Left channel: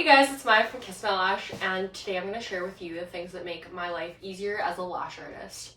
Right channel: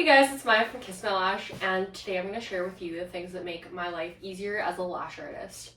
Hey guys, it's Maya from Kiss My Lash, and today I'm going to share with you the things that make my life easier as a lash artist.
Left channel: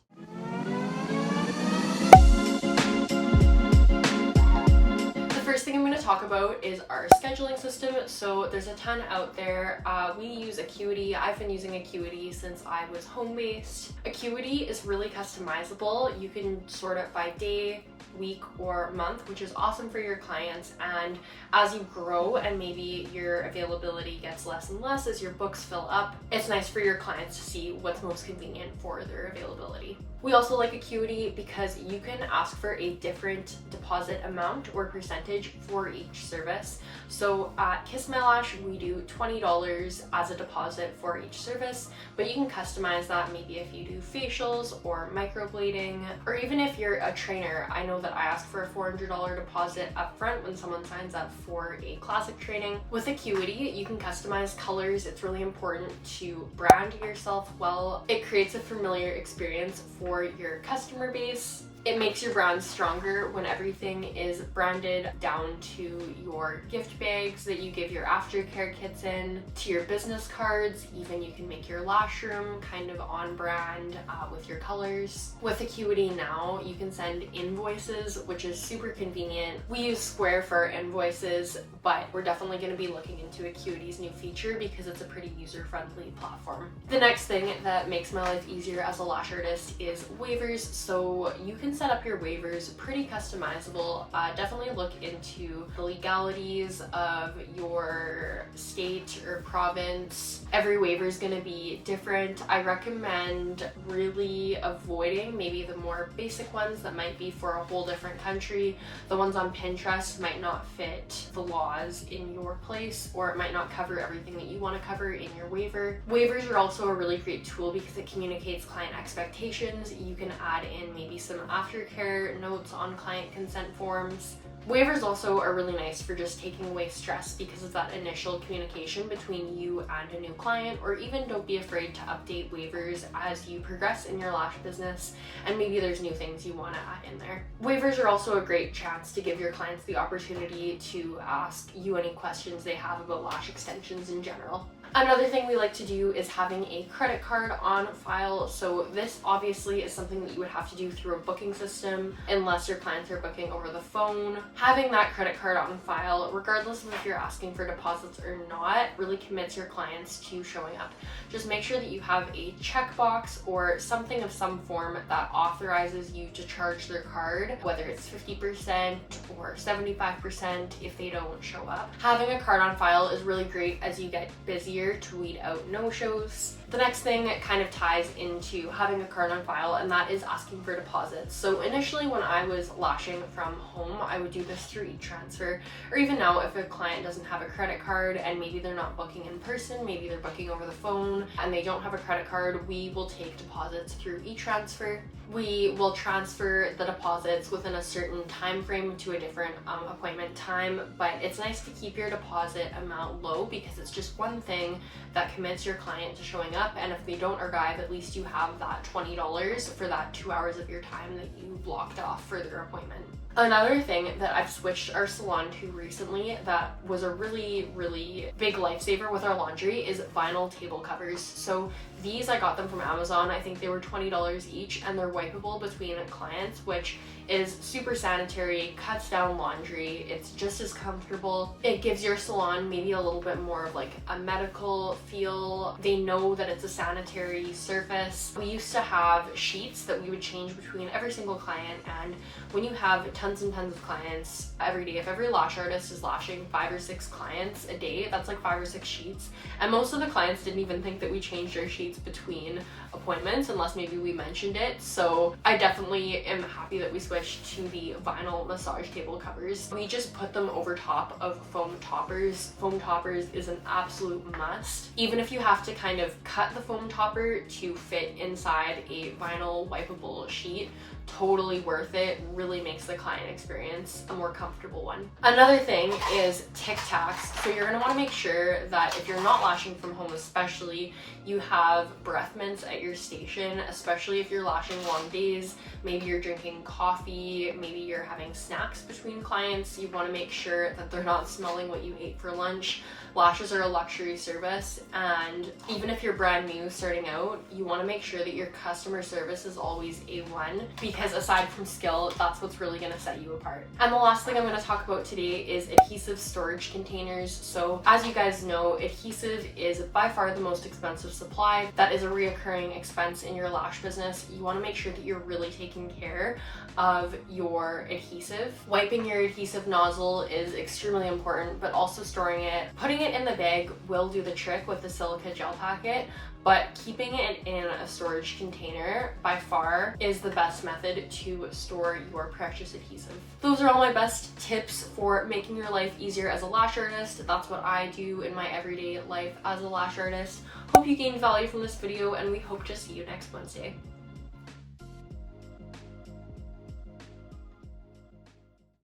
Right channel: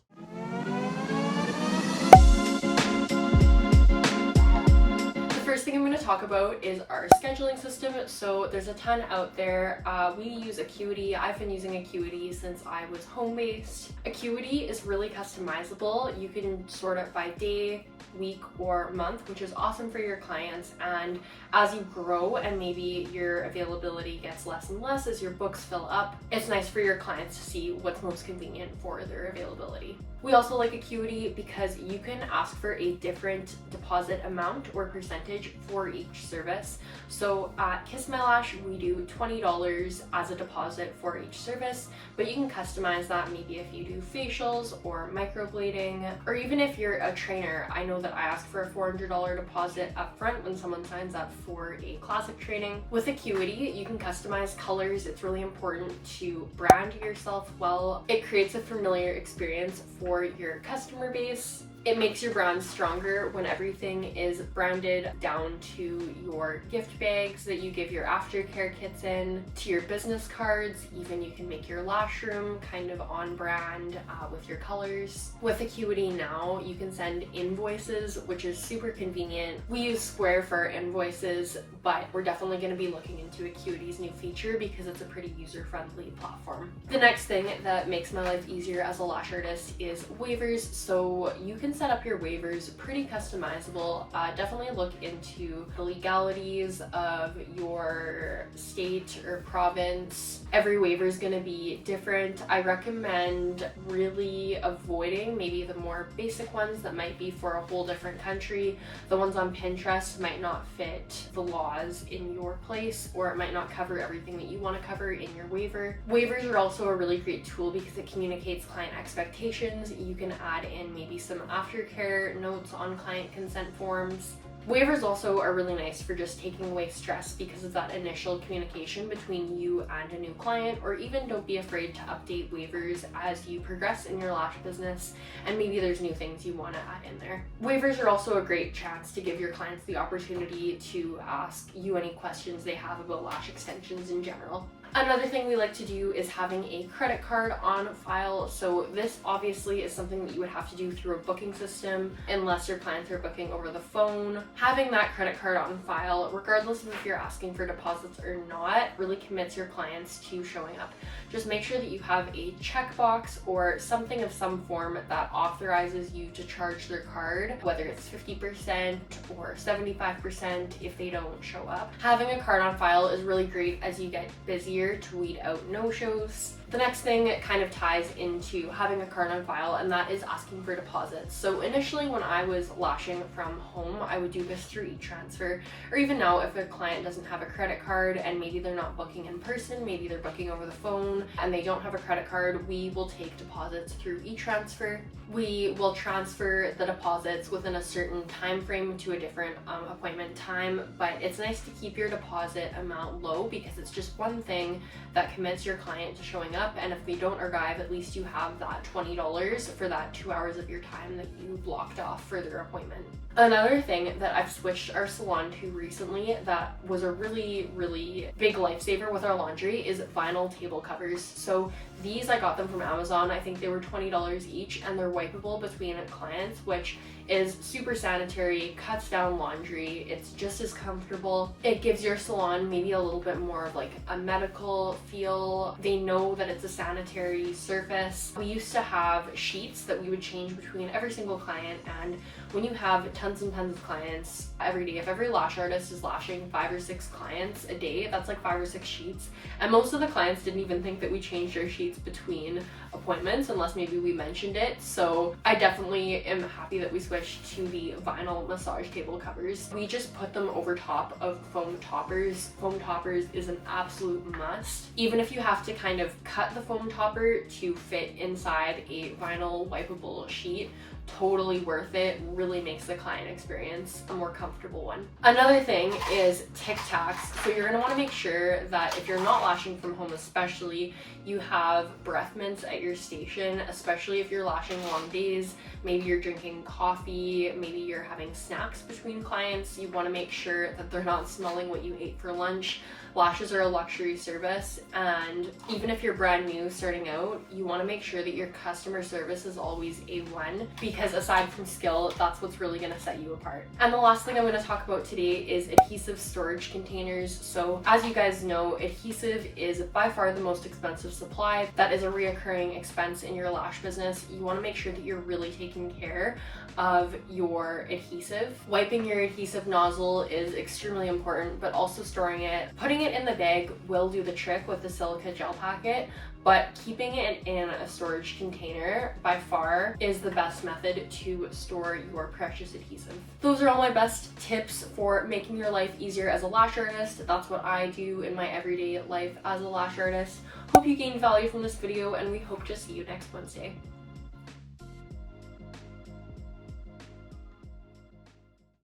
First thing I'm going to talk about is our scheduling system. So there's a ton out there. We use Acuity. I've been using Acuity since I was home-based. Acuity is really customizable. You can sort it by day, week, or month, which is awesome for your clients. And as you grow and maybe your availability gets less and less as your books fill up, it's nice for your clients to see what's most convenient for their availability. We also like Acuity because you can ask for a different deposit amount or percentage for each service. So at Kiss My Lash, we do $20 as a deposit for each service, but you can customize that maybe if you do facials or microblading, or even if you're a trainer. I know that I ask for a $400 deposit up front when someone signs up for a classic training. With Acuity, you can customize colors. It's really important to brand yourself well. It creates a familiar experience for your customer base. It makes your brand stronger when everything is branded down to your gift bags that you give your aftercare kits in, to your business cards. Even you can make your lash room kind of on brand with your colors. With Acuity now, you can send invoices, which is super convenient. We use Square for our invoices, but we're definitely going to be looking into Acuity's new feature because it's a pretty user-friendly platform. The next thing that makes my life easier as a lash artist is waivers. So you can set up your waivers pretty customizable. Definitely look into the legalities of your state or province. Every waiver is going to be different. I recommend really avoiding maybe the more basic ones that might be for a whole different country. The ones on Pinterest might not fit the laws in your place, or it might not cover everything that you want to cover in your waiver. Waivers are also a really great tool because it communicates client expectations. You can add in maybe some aftercare notes on client consent forms. Waivers also are really nice for just taking away stress because of that initial communication between you and a new client, or even don't be afraid to update waivers as you progress in your lash business and maybe there's new things you want to add in there. Waivers are also a great chance to give your clients the opportunity to ask you any questions they have about lash extensions in general. Another thing we like to do is having a credit card on file. So this obviously is something that you would have to do through a booking system unless your clients are booking over the phone. Having that credit card on file, regardless of if you're asking for deposits or not, really commits your clients to showing up. Just make sure that you have a checkbox or something of some form that authorizes you to charge their card, whether it's 50% or 75% if they don't show up. Having a card on file is really great as you get busier to weed out no-shows. The next thing kind of ties into having a card on file, and that is asking for deposits. So initially when I was lashing from home, I would do this through e-transfer, or even now if a client doesn't have a credit card and maybe they're not booking in person, maybe they're booking over the phone and they don't have a credit card, we will take deposits through e-transfer. We will transfer the deposits within a certain time frame to a different appointment time, but it's nice to keep your deposit amount low because it's just one thing that commits your client to showing up, and if they don't arrive, at least you have that $20 for that 2 hours of your time that you blocked off for their appointment. Another thing that I've switched our salon to recently that was a really big lifesaver with our laundry is vinyl table covers. So these, I got them from Amazon. I think they were $20 each, and they're wipeable between clients, which is super sanitary, cuts down laundry. It's just as comfortable. It gives your salon maybe a little bit more of like a medical feel. They know that it's a sanitary surface. We used to have sheets that we would change between every single client, and when you have tons and tons of clients every day, if every lash artist is lashing 5 or 6 clients a day, that's like 5 or 6 sheets. And most of the clients didn't even think that we changed our sheets between appointments unless maybe we mentioned it. So I definitely am happy that we switched to the vinyl massage table covers. We just put them over top of foam toppers. Foam toppers is an absolute must. Even if you have to kind of cut the foam topper to fit inside a vinyl wipeable sheet, totally worth it. Really makes the client experience a more comfortable one. Another thing is Tic Tacs. So you're gonna wanna make sure that if you're not lashing from home especially, you have breath mints at your station, especially if you're lashing long days. Maybe you're drinking coffee, maybe you're having snacks between clients. You wanna make sure that they're not smelling what you ate for lunch. Lashes are a luxury service, and even if you're brand new starting out, you want to make sure that your customer service is always A1, because aside from skill, that's what's really going to set you apart. And the last thing I'm going to talk about today is adhesive storage containers. So as you guys know, adhesive is by far the most expensive supply. That is a reoccurring expense in your lash business. You want to make sure that you're really taking care of your adhesive. Wiping your adhesive nozzle is extremely important, but also storing it. Putting it in the bag will do the trick with the silica gel packet, but keeping it in a storage container by far is the best method to store your precious adhesive. Those are all my best tips for making your life easier as a lash artist. That's what I do in my everyday life as a lash artist. Hope you gained value from this video, and we hope to see you next Wednesday.